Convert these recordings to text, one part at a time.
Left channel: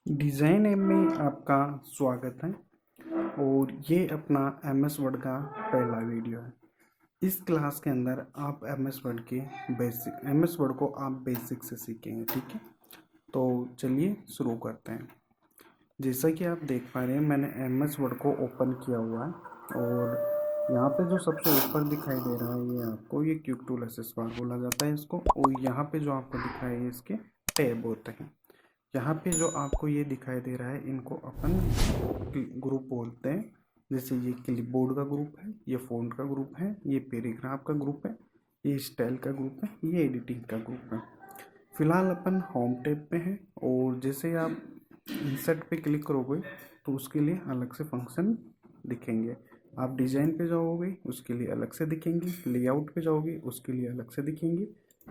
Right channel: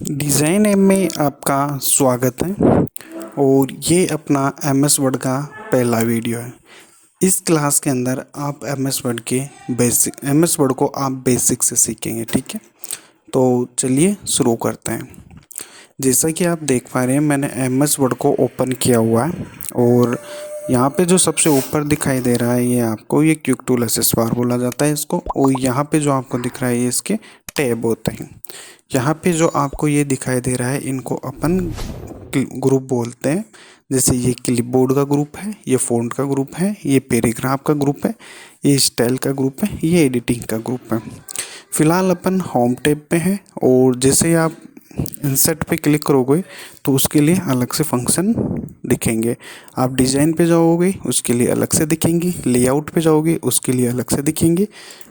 Design app में आपका स्वागत है और ये अपना एमएस वर्ड का पहला वीडियो है। इस क्लास के अंदर आप एमएस वर्ड के एमएस वर्ड को आप बेसिक से सीखेंगे, ठीक है। तो चलिए शुरू करते हैं। जैसा कि आप देख पा रहे हैं, मैंने एमएस वर्ड को ओपन किया हुआ है और यहाँ पे जो सबसे ऊपर दिखाई दे रहा है ये आपको ये क्विक टूल एक्सेस बार बोला जाता है इसको। और यहाँ पे जो आपको दिख रहा है ये इसके टैब होते हैं। यहाँ पे जो आपको ये दिखाई दे रहा है इनको अपन ग्रुप बोलते हैं। जैसे ये क्लिपबोर्ड का ग्रुप है, ये फ़ॉन्ट का ग्रुप है, ये पैराग्राफ का ग्रुप है, ये स्टाइल का ग्रुप है, ये एडिटिंग का ग्रुप है। फिलहाल अपन होम टैब पे हैं और जैसे आप इंसर्ट पे क्लिक करोगे तो उसके लिए अलग से फंक्शन दिखेंगे। आप डिज़ाइन पे जाओगे उसके लिए अलग से दिखेंगे, लेआउट पे जाओगे उसके लिए अलग से दिखेंगे,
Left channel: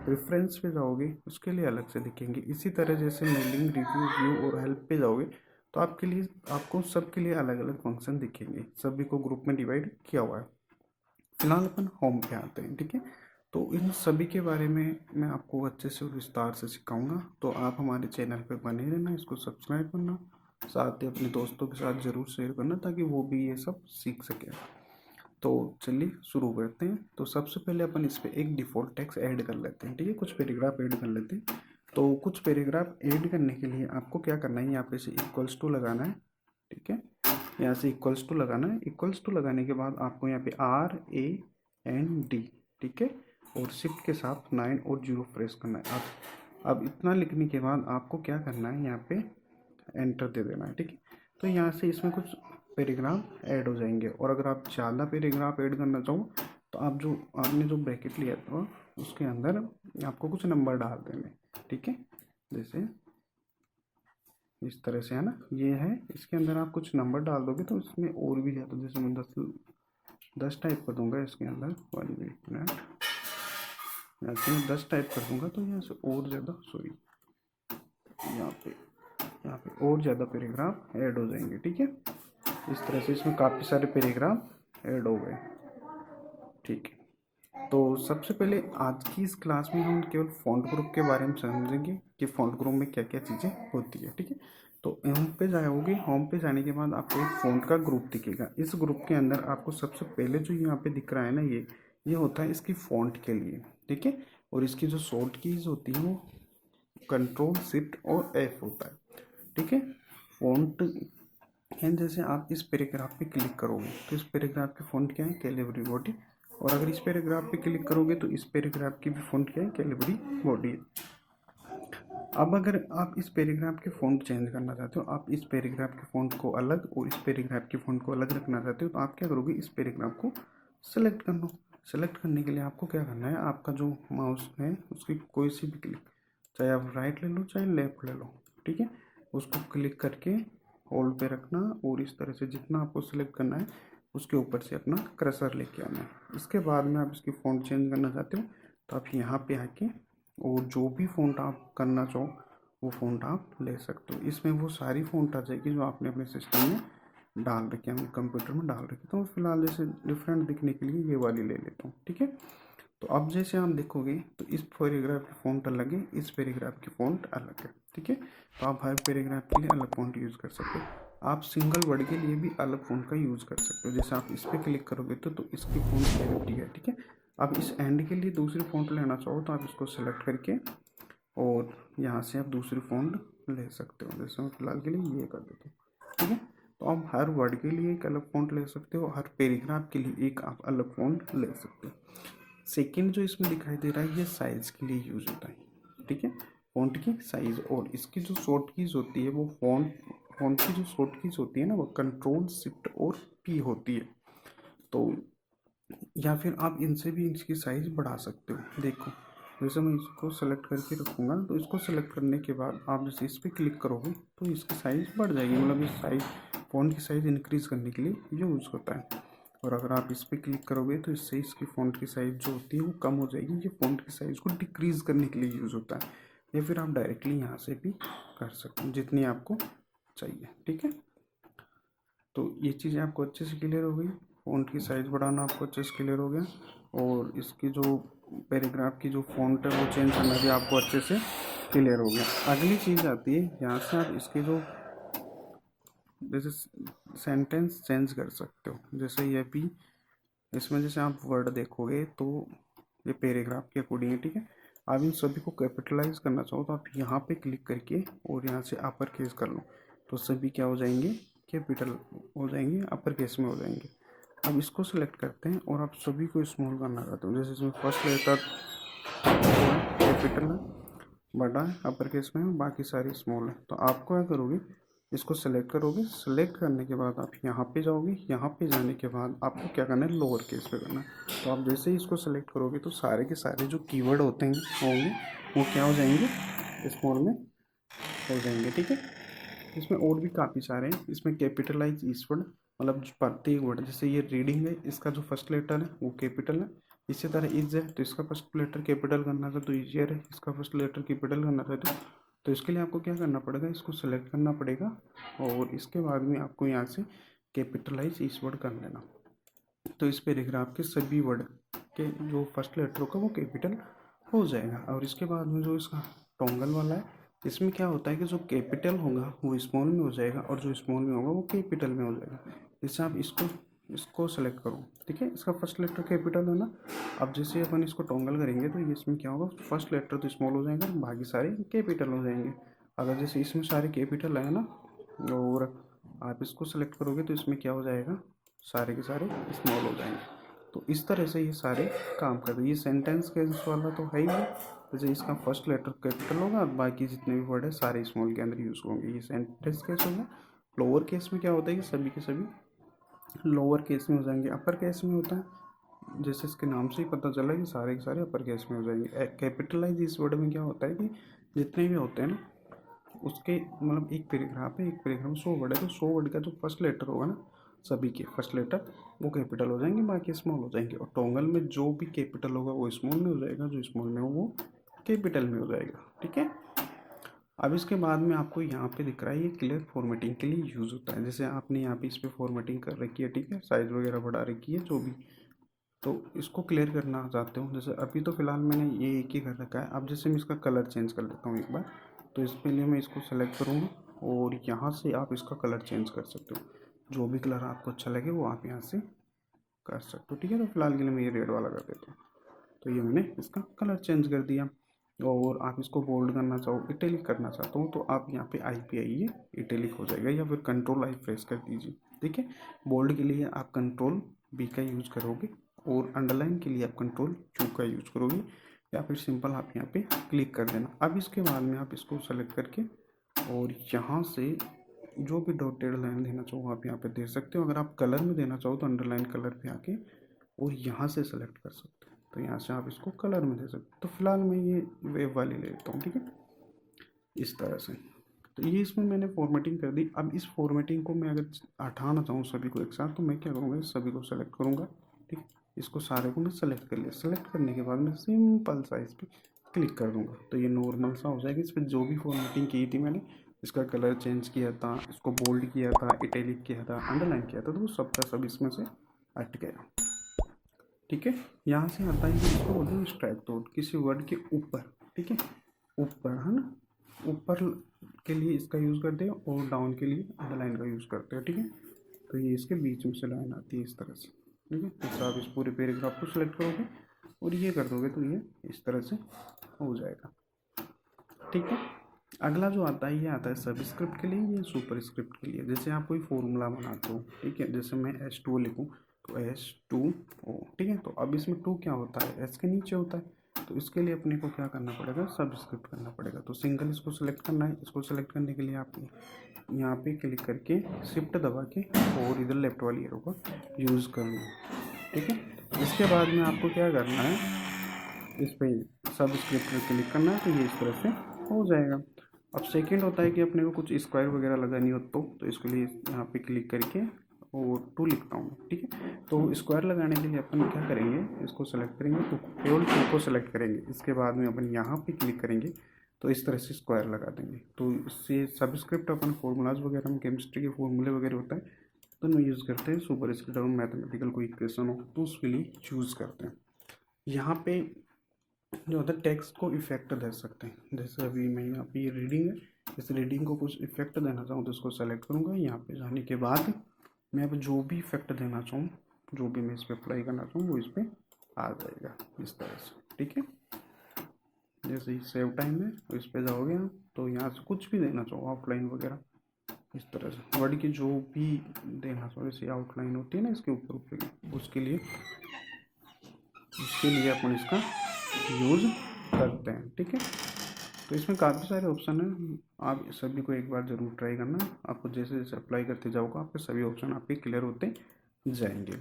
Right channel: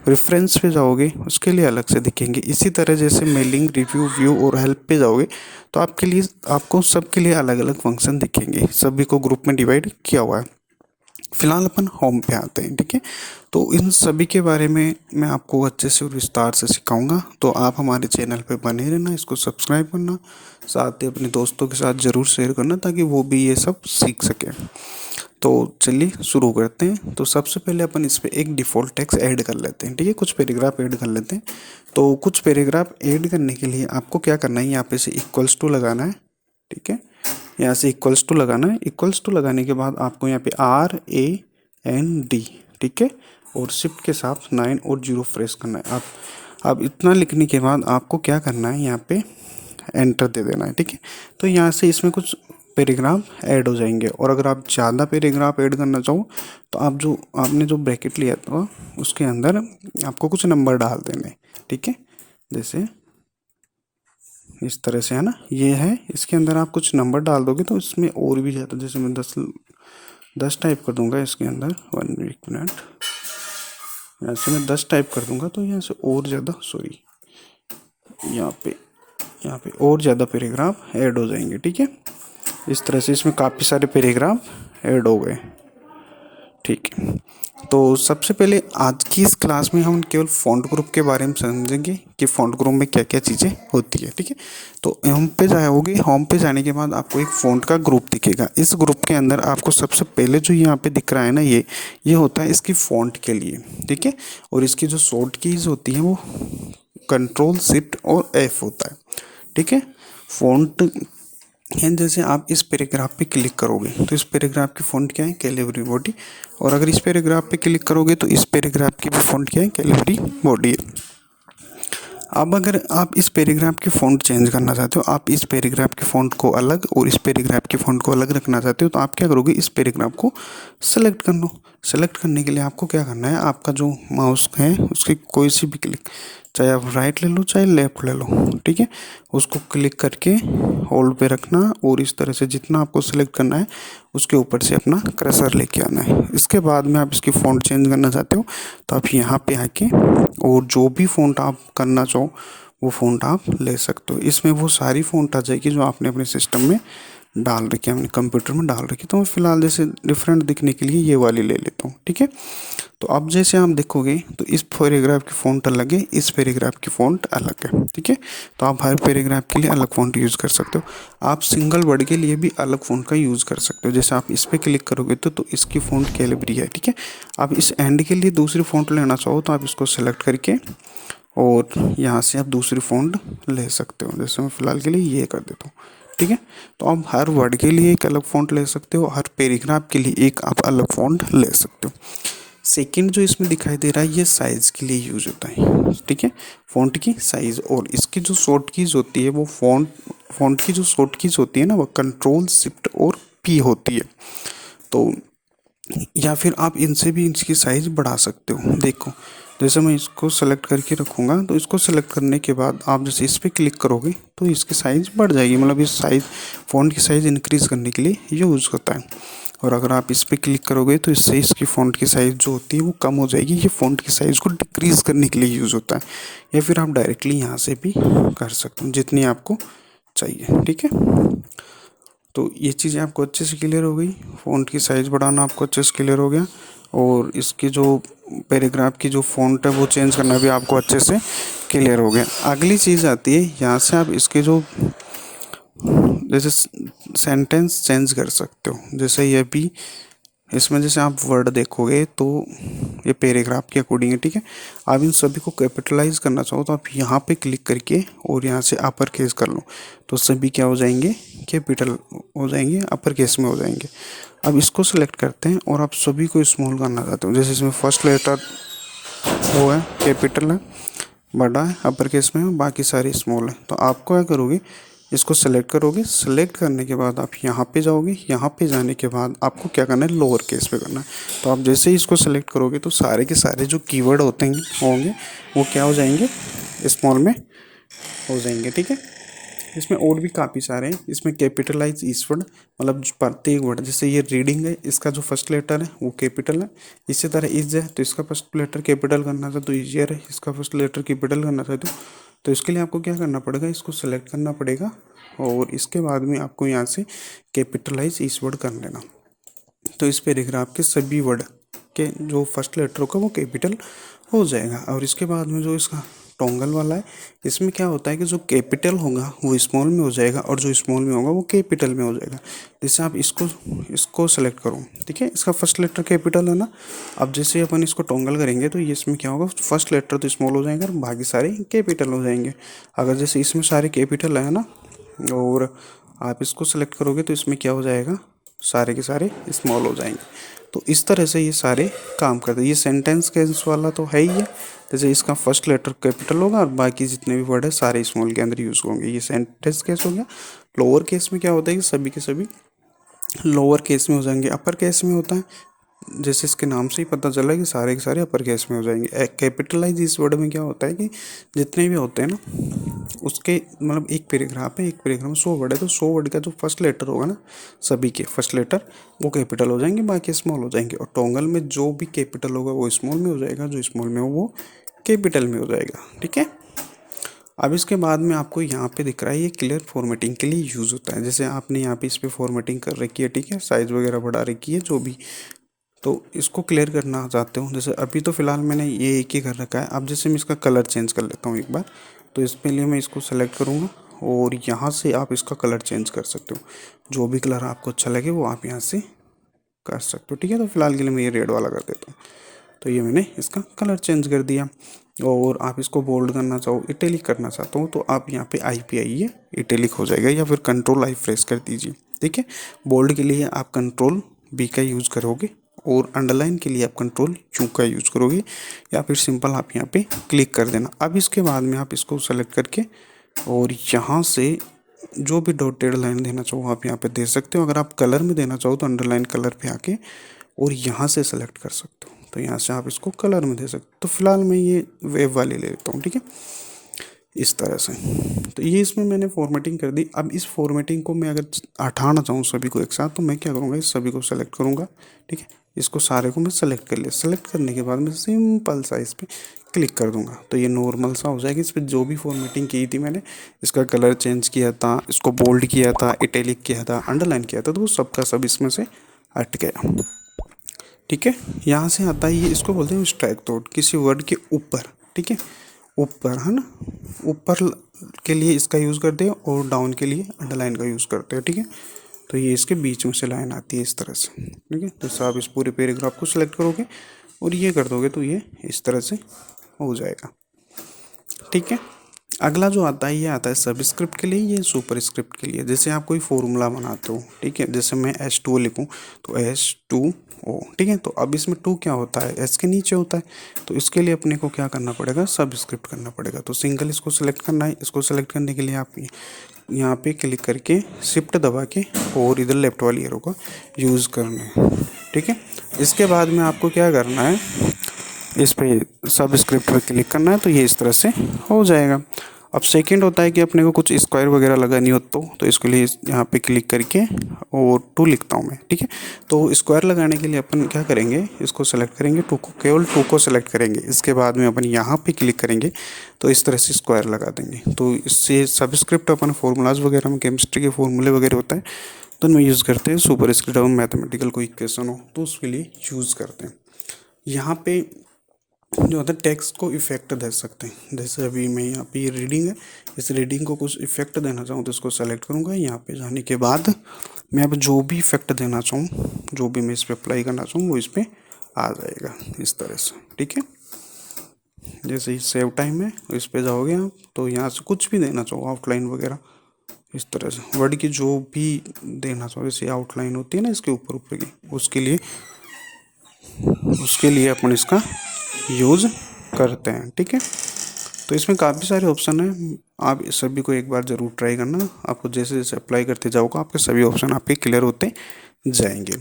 रेफरेंस पे जाओगे उसके लिए अलग से दिखेंगे। इसी तरह जैसे मेलिंग, रिव्यू, व्यू और हेल्प पे जाओगे तो आपको सबके लिए अलग अलग फंक्शन दिखेंगे। सभी को ग्रुप में डिवाइड किया हुआ है। फिलहाल अपन होम पे आते हैं, ठीक है। तो इन सभी के बारे में मैं आपको अच्छे से और विस्तार से सिखाऊंगा, तो आप हमारे चैनल पे बने रहना, इसको सब्सक्राइब करना, साथ ही अपने दोस्तों के साथ ज़रूर शेयर करना ताकि वो भी ये सब सीख सकें। तो चलिए शुरू करते हैं। तो सबसे पहले अपन इस पर एक डिफ़ॉल्ट टेक्स्ट ऐड कर लेते हैं, ठीक है। कुछ पैराग्राफ ऐड कर लेते हैं। तो कुछ पैराग्राफ ऐड करने के लिए आपको क्या करना है, यहाँ पे से इक्वल्स टू लगाना है, ठीक है। यहाँ से इक्वल्स टू लगाना है। इक्वल्स टू लगाने के बाद आपको यहाँ पे RAND, ठीक है, और शिफ्ट के साथ 9 और 0 प्रेस करना है। आप अब इतना लिखने के बाद आपको क्या करना है, यहाँ पे एंटर दे देना है, ठीक है। तो यहाँ से इसमें कुछ पैराग्राफ ऐड हो जाएंगे और अगर आप ज़्यादा पैराग्राफ ऐड करना चाहो तो आपने जो ब्रैकेट लिया था उसके अंदर आपको कुछ नंबर डाल देने, ठीक है। जैसे इस तरह से है ना, ये है, इसके अंदर आप कुछ नंबर डाल दोगे तो इसमें और भी ज़्यादा, जैसे मैं 10 टाइप कर दूंगा इसके अंदर, 1 मिनट, यहाँ से मैं 10 टाइप कर दूंगा तो यहाँ से और ज़्यादा, सॉरी, यहाँ पे यहाँ पे और ज़्यादा पैराग्राफ ऐड हो जाएंगे, ठीक है। इस तरह से इसमें काफ़ी सारे पैराग्राफ ऐड हो गए, ठीक है। तो सबसे पहले आज की इस क्लास में हम केवल फ़ॉन्ट ग्रुप के बारे में समझेंगे कि फ़ॉन्ट ग्रुप में क्या क्या चीज़ें होती है, ठीक है। तो होम पे जाओगे, होम पे जाने के बाद आपको एक फ़ॉन्ट का ग्रुप दिखेगा। इस ग्रुप के अंदर आपको सबसे पहले जो यहाँ पे दिख रहा है ना, ये होता है इसकी फ़ॉन्ट के लिए, ठीक है। और इसकी जो शॉर्ट कीज़ होती हैं वो कंट्रोल शिफ्ट और F होता है, ठीक है। फ़ॉन्ट एंड जैसे आप इस पैराग्राफ पे क्लिक करोगे तो इस पैराग्राफ की फ़ॉन्ट क्या है, कैलिबरी बॉडी। और अगर इस पैराग्राफ पे क्लिक करोगे तो इस पैराग्राफ की भी फ़ॉन्ट क्या है, कैलिबरी बॉडी है। अब अगर आप इस पैराग्राफ की फ़ॉन्ट चेंज करना चाहते हो, आप इस पैराग्राफ की फ़ॉन्ट को अलग और इस पैराग्राफ की फ़ॉन्ट को अलग रखना चाहते हो, तो आप क्या करोगे, इस पैराग्राफ को सेलेक्ट कर लो। सेलेक्ट करने के लिए आपको क्या करना है, आपका जो माउस है उसकी कोई सी भी क्लिक, चाहे आप राइट ले लो चाहे लेफ्ट ले लो, ठीक है, उसको क्लिक करके होल्ड पे रखना और इस तरह से जितना आपको सेलेक्ट करना है उसके ऊपर से अपना कर्सर लेके आना है। इसके बाद में आप इसकी फ़ॉन्ट चेंज करना चाहते हो तो आप यहाँ पे आके और जो भी फ़ॉन्ट आप करना चाहो वो फ़ॉन्ट आप ले सकते हो। इसमें वो सारी फ़ॉन्ट आ जाएगी जो आपने अपने सिस्टम में डाल रखी है, अपने कंप्यूटर में डाल रखी है। तो मैं फ़िलहाल जैसे डिफरेंट दिखने के लिए ये वाली ले लेता हूँ, ठीक है। तो अब जैसे आप देखोगे तो इस पैराग्राफ की फ़ॉन्ट अलग है, इस पैराग्राफ की फ़ॉन्ट अलग है, ठीक है। तो आप हर पैराग्राफ के लिए अलग फ़ॉन्ट यूज़ कर सकते हो। आप सिंगल वर्ड के लिए भी अलग फ़ॉन्ट का यूज़ कर सकते हो। जैसे आप इस पर क्लिक करोगे तो इसकी फ़ॉन्ट कैलिबरी है, ठीक है। आप इस एंड के लिए दूसरी फ़ॉन्ट लेना चाहो तो आप इसको सेलेक्ट करके और यहाँ से आप दूसरी फ़ॉन्ट ले सकते हो। जैसे मैं फ़िलहाल के लिए ये कर देता हूँ, ठीक है। तो आप हर वर्ड के लिए एक अलग फ़ॉन्ट ले सकते हो, हर पैराग्राफ के लिए एक आप अलग फ़ॉन्ट ले सकते हो। सेकंड जो इसमें दिखाई दे रहा है ये साइज़ के लिए यूज होता है, ठीक है, फ़ॉन्ट की साइज़। और इसकी जो शॉर्ट कीज़ होती है वो फ़ॉन्ट की जो शॉर्ट कीज़ होती है ना वो कंट्रोल शिफ्ट और P होती है। तो या फिर आप इनसे भी इसकी साइज़ बढ़ा सकते हो। देखो जैसे मैं इसको सेलेक्ट करके रखूँगा तो इसको सेलेक्ट करने के बाद आप जैसे इस पर क्लिक करोगे तो इसकी साइज़ बढ़ जाएगी, मतलब इस साइज़ फ़ॉन्ट की साइज़ इंक्रीज़ करने के लिए यूज़ होता है। और अगर आप इस पर क्लिक करोगे तो इससे इसकी फ़ॉन्ट की साइज़ जो होती है वो कम हो जाएगी। ये फ़ॉन्ट की साइज़ को डिक्रीज़ करने के लिए यूज़ होता है। या फिर आप डायरेक्टली यहाँ से भी कर सकते हो जितनी आपको चाहिए, ठीक है। तो ये चीज़ें आपको अच्छे से क्लियर हो गई, फ़ॉन्ट की साइज़ बढ़ाना आपको अच्छे से क्लियर हो गया। और इसकी जो पैराग्राफ की जो फ़ॉन्ट है वो चेंज करना भी आपको अच्छे से क्लियर हो गया। अगली चीज़ आती है, यहाँ से आप इसके जो जैसे सेंटेंस चेंज कर सकते हो। जैसे ये भी इसमें जैसे आप वर्ड देखोगे तो ये पैराग्राफ के अकॉर्डिंग है, ठीक है। आप इन सभी को कैपिटलाइज करना चाहो तो आप यहाँ पे क्लिक करके और यहाँ से अपर केस कर लो, तो सभी क्या हो जाएंगे, कैपिटल हो जाएंगे, अपर केस में हो जाएंगे। अब इसको सिलेक्ट करते हैं और आप सभी को स्मॉल करना चाहते हो। जैसे इसमें फर्स्ट लेटर वो है कैपिटल है, बड़ा है, अपर केस में है, बाकी सारे स्मॉल है। तो आपको क्या करोगे, इसको सेलेक्ट करोगे। सेलेक्ट करने के बाद आप यहाँ पे जाओगे। यहाँ पे जाने के बाद आपको क्या करना है, लोअर केस पे करना है। तो आप जैसे ही इसको सेलेक्ट करोगे तो सारे के सारे जो कीवर्ड होंगे वो क्या हो जाएंगे, स्मॉल में हो जाएंगे, ठीक है। इसमें और भी काफ़ी सारे हैं। इसमें कैपिटलाइज ईच वर्ड, मतलब प्रत्येक वर्ड, जैसे ये रीडिंग है, इसका जो फर्स्ट लेटर है वो कैपिटल है। इसी तरह इज है तो इसका फर्स्ट लेटर कैपिटल करना था तो इजियर है, इसका फर्स्ट लेटर कैपिटल करना था तो इसके लिए आपको क्या करना पड़ेगा, इसको सेलेक्ट करना पड़ेगा और इसके बाद में आपको यहाँ से कैपिटलाइज ईच वर्ड कर लेना। तो इस पैराग्राफ के सभी वर्ड के जो फर्स्ट लेटर होगा वो कैपिटल हो जाएगा। और इसके बाद में जो इसका टोंगल वाला है, इसमें क्या होता है कि जो कैपिटल होगा वो स्मॉल में हो जाएगा और जो स्मॉल में होगा वो कैपिटल में हो जाएगा। जैसे आप इसको सेलेक्ट करो, ठीक है, इसका फर्स्ट लेटर कैपिटल है ना। अब जैसे अपन इसको टोंगल करेंगे तो ये इसमें क्या होगा, फर्स्ट लेटर तो स्मॉल हो जाएगा और बाकी सारे कैपिटल हो जाएंगे। अगर जैसे इसमें सारे कैपिटल है ना और आप इसको सेलेक्ट करोगे तो इसमें क्या हो जाएगा, सारे के सारे स्मॉल हो जाएंगे। तो इस तरह से ये सारे काम करते हैं। ये सेंटेंस केस वाला तो है ही है, जैसे इसका फर्स्ट लेटर कैपिटल होगा और बाकी जितने भी वर्ड है सारे स्मॉल के अंदर यूज़ होंगे। ये सेंटेंस केस हो गया। लोअर केस में क्या होता है कि सभी के सभी लोअर केस में हो जाएंगे। अपर केस में होता है, जैसे इसके नाम से ही पता चला कि सारे के सारे अपर केस में हो जाएंगे। कैपिटलाइज इस वर्ड में क्या होता है कि जितने भी होते हैं ना उसके, मतलब एक पैराग्राफ है, एक पैराग्राफ में 100 वर्ड है तो 100 वर्ड का जो फर्स्ट लेटर होगा ना, सभी के फर्स्ट लेटर वो कैपिटल हो जाएंगे, बाकी स्मॉल हो जाएंगे। और टोंगल में जो भी कैपिटल होगा वो स्मॉल में हो जाएगा, जो स्मॉल में हो वो कैपिटल में हो जाएगा, ठीक है। अब इसके बाद में आपको यहाँ पे दिख रहा है ये क्लियर फॉर्मेटिंग के लिए यूज़ होता है। जैसे आपने यहाँ पे इस पर फॉर्मेटिंग कर रखी है, ठीक है, साइज़ वगैरह बढ़ा रखी है जो भी, तो इसको क्लियर करना चाहते हो। जैसे अभी तो फ़िलहाल मैंने ये एक ही कर रखा है। अब जैसे मैं इसका कलर चेंज कर लेता हूँ एक बार, तो इसके लिए मैं इसको सेलेक्ट करूँगा और यहाँ से आप इसका कलर चेंज कर सकते हो। जो भी कलर आपको अच्छा लगे वो आप यहाँ से कर सकते हो, ठीक है। तो फिलहाल के लिए मैं ये रेड वाला कर देता हूँ। तो ये मैंने इसका कलर चेंज कर दिया। और आप इसको बोल्ड करना चाहो, इटैलिक करना चाहता हूँ तो आप यहाँ पे आई पे आइए, इटैलिक हो जाएगा, या फिर कंट्रोल आई प्रेस कर दीजिए, ठीक है। बोल्ड के लिए आप कंट्रोल बी का यूज़ करोगे और अंडरलाइन के लिए आप कंट्रोल यू का यूज़ करोगे, या फिर सिंपल आप यहाँ पे क्लिक कर देना। अब इसके बाद में आप इसको सेलेक्ट करके और यहाँ से जो भी डॉटेड लाइन देना चाहो आप यहाँ पे दे सकते हो। अगर आप कलर में देना चाहो तो अंडरलाइन कलर पे आके और यहाँ से सेलेक्ट कर सकते हो, तो यहाँ से आप इसको कलर में दे सकते हो। तो फिलहाल मैं ये वेव वाली ले लेता हूँ, ठीक है, इस तरह से। तो ये इसमें मैंने फॉर्मेटिंग कर दी। अब इस फॉर्मेटिंग को मैं अगर हटाना चाहूँ सभी को एक साथ, तो मैं क्या करूँगा, इस सभी को सेलेक्ट करूँगा, ठीक है, इसको सारे को मैं सेलेक्ट कर लिया। सेलेक्ट करने के बाद मैं सिंपल सा इस पर क्लिक कर दूंगा तो ये नॉर्मल सा हो जाएगा। इस पर जो भी फॉर्मेटिंग की थी मैंने, इसका कलर चेंज किया था, इसको बोल्ड किया था, इटैलिक किया था, अंडरलाइन किया था, तो वो सबका सब इसमें से हट गया, ठीक है। यहाँ से आता है ये, इसको बोलते हैं स्ट्राइक थ्रोट, किसी वर्ड के ऊपर, ठीक है, ऊपर है ना, ऊपर के लिए इसका यूज़ करते हैं और डाउन के लिए अंडरलाइन का यूज़ करते हैं, ठीक है। तो ये इसके बीच में से लाइन आती है इस तरह से, ठीक है। जैसे आप इस पूरे पैराग्राफ को सिलेक्ट करोगे और ये कर दोगे तो ये इस तरह से हो जाएगा, ठीक है। अगला जो आता है ये आता है सबस्क्रिप्ट के लिए, ये सुपर स्क्रिप्ट के लिए। जैसे आप कोई फॉर्मूला बनाते हो, ठीक है, जैसे मैं H2O लिखूँ तो H2O, ठीक है। तो अब इसमें 2 क्या होता है, एस के नीचे होता है, तो इसके लिए अपने को क्या करना पड़ेगा, सबस्क्रिप्ट करना पड़ेगा। तो सिंगल इसको सेलेक्ट करना है। इसको सेलेक्ट करने के लिए आप यहाँ पे क्लिक करके शिफ्ट दबा के और इधर लेफ्ट वाली एरो का यूज़ करना है, ठीक है। इसके बाद में आपको क्या करना है, इस पर सबस्क्रिप्ट पर क्लिक करना है, तो ये इस तरह से हो जाएगा। अब सेकंड होता है कि अपने को कुछ स्क्वायर वगैरह लगानी हो तो इसके लिए यहाँ पे क्लिक करके और 2 लिखता हूँ मैं, ठीक है। तो स्क्वायर लगाने के लिए अपन क्या करेंगे, इसको सेलेक्ट करेंगे, 2 को, केवल 2 को सेलेक्ट करेंगे। इसके बाद में अपन यहाँ पे क्लिक करेंगे तो इस तरह से स्क्वायर लगा देंगे। तो इससे सबस्क्रिप्ट अपन फॉर्मूलाज वगैरह में, केमिस्ट्री के फॉर्मूले वगैरह होता है तो उनमें यूज़ करते हैं। सुपर स्क्रिप्ट और मैथमेटिकल कोई इक्वेशन हो तो उसके लिए यूज़ करते हैं। यहाँ पे जो होता है टेक्स्ट को इफेक्ट दे सकते हैं। जैसे अभी मैं यहाँ पे ये रीडिंग है, इस रीडिंग को कुछ इफेक्ट देना चाहूँ तो इसको सेलेक्ट करूँगा। यहाँ पे जाने के बाद मैं अब जो भी इफेक्ट देना चाहूँ, जो भी मैं इस पर अप्लाई करना चाहूँ वो इस पर आ जाएगा इस तरह से। ठीक है, जैसे ही सेव टाइम है इस पे जाओगे आप तो यहाँ से कुछ भी देना चाहो, आउटलाइन वगैरह इस तरह से वर्ड की जो भी देना चाहो, जैसे आउटलाइन होती है ना इसके ऊपर ऊपर की, उसके लिए अपन इसका यूज़ करते हैं। ठीक है, तो इसमें काफ़ी सारे ऑप्शन हैं, आप सभी को एक बार ज़रूर ट्राई करना। आपको जैसे जैसे अप्लाई करते जाओगे आपके सभी ऑप्शन आपके क्लियर होते जाएंगे।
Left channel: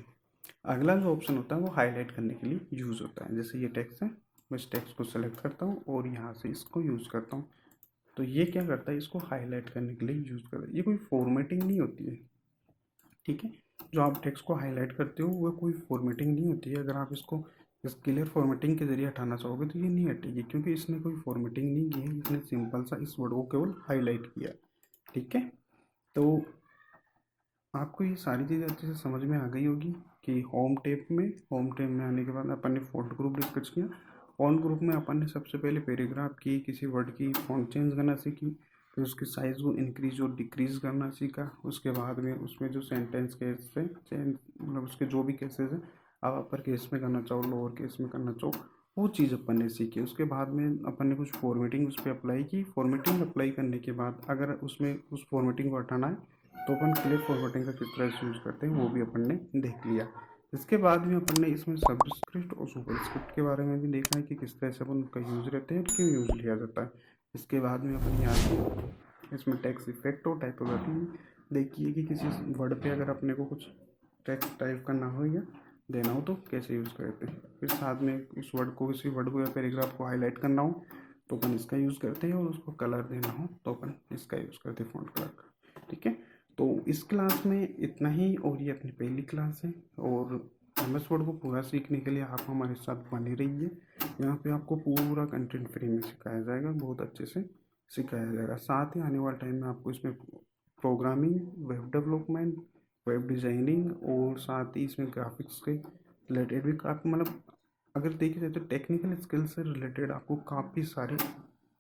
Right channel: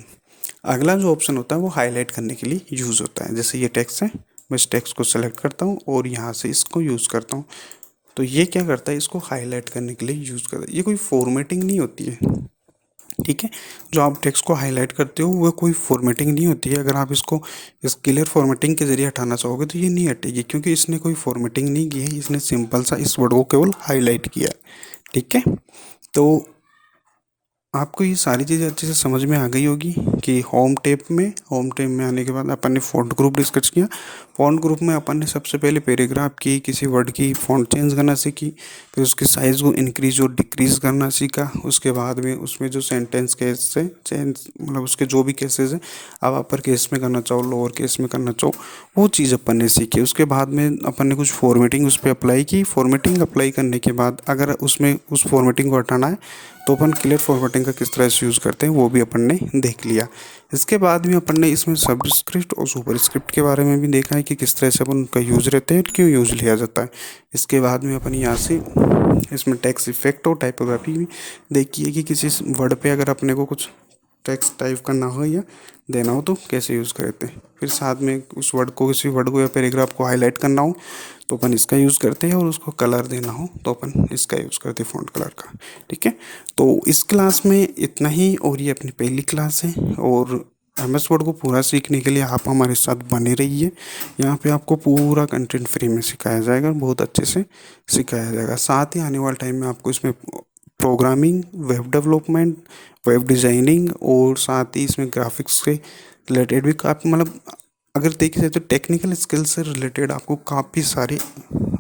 अगला जो ऑप्शन होता है वो हाईलाइट करने के लिए यूज़ होता है। जैसे ये टेक्स्ट है, मैं इस टेक्स्ट को सेलेक्ट करता हूँ और यहाँ से इसको यूज़ करता हूँ, तो ये क्या करता है, इसको हाईलाइट करने के लिए यूज़ करता है। ये कोई फॉर्मेटिंग नहीं होती है। ठीक है, जो आप टेक्स्ट को हाईलाइट करते हो वो कोई फॉर्मेटिंग नहीं होती है। अगर आप इसको इस क्लियर फॉर्मेटिंग के जरिए हटाना चाहोगे तो ये नहीं हटेगी, क्योंकि इसने कोई फॉर्मेटिंग नहीं की है, इसने सिंपल सा इस वर्ड को केवल हाईलाइट किया है। ठीक है, तो आपको ये सारी चीज़ें अच्छे से समझ में आ गई होगी कि होम टैब में आने के बाद अपन ने फ़ॉन्ट ग्रुप डिस्कस किया। फ़ॉन्ट ग्रुप में अपन ने सबसे पहले पैराग्राफ की, किसी वर्ड की फ़ॉन्ट चेंज करना सीखी, फिर उसके साइज़ को इंक्रीज और डिक्रीज करना सीखा। उसके बाद में उसमें जो सेंटेंस केस से चेंज, मतलब उसके जो भी केसेस हैं, अब अपर केस में करना चाहो, लोअर केस में करना चाहो, वो चीज़ अपन ने सीखी। उसके बाद में अपन ने कुछ फॉर्मेटिंग उस पर अप्लाई की। फॉर्मेटिंग अप्लाई करने के बाद अगर उसमें उस फॉर्मेटिंग को हटाना है तो अपन क्लियर फॉर्मेटिंग का किस तरह से यूज़ करते हैं वो भी अपन ने देख लिया। इसके बाद में अपन ने इसमें सबस्क्रिप्ट और सुपरस्क्रिप्ट के बारे में भी देखा है कि किस तरह से अपन उनका यूज़ रहते हैं, क्यों यूज़ लिया जाता है। इसके बाद में अपन यहाँ से इसमें टेक्स्ट इफेक्ट और टाइपोग्राफी भी देखी है कि किसी वर्ड पे अगर अपने को कुछ टेक्स्ट टाइप करना हो या देना हो तो कैसे यूज़ करते हैं। फिर साथ में उस वर्ड को, किसी वर्ड को या पैराग्राफ को हाईलाइट करना हो तो अपन इसका यूज़ करते हैं, और उसको कलर देना हो तो अपन इसका यूज़ करते हैं, फ़ॉन्ट कलर का। ठीक है, तो इस क्लास में इतना ही, और ये अपनी पहली क्लास है, और एमएस वर्ड को पूरा सीखने के लिए आप हमारे साथ बने रहिए। यहाँ पे आपको पूरा कंटेंट फ्री में सिखाया जाएगा, बहुत अच्छे से सिखाया जाएगा। साथ ही आने वाले टाइम में आपको इसमें programming, web development, web designing और साथ ही इसमें ग्राफिक्स के रिलेटेड भी काफ़ी, मतलब अगर देखिए जाए तो टेक्निकल स्किल से रिलेटेड आपको काफ़ी सारे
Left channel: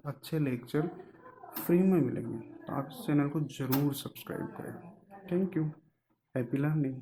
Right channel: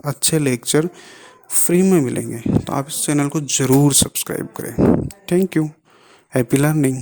अच्छे लेक्चर फ्री में मिलेंगे। तो आप इस चैनल को ज़रूर सब्सक्राइब करें। Thank you, happy learning.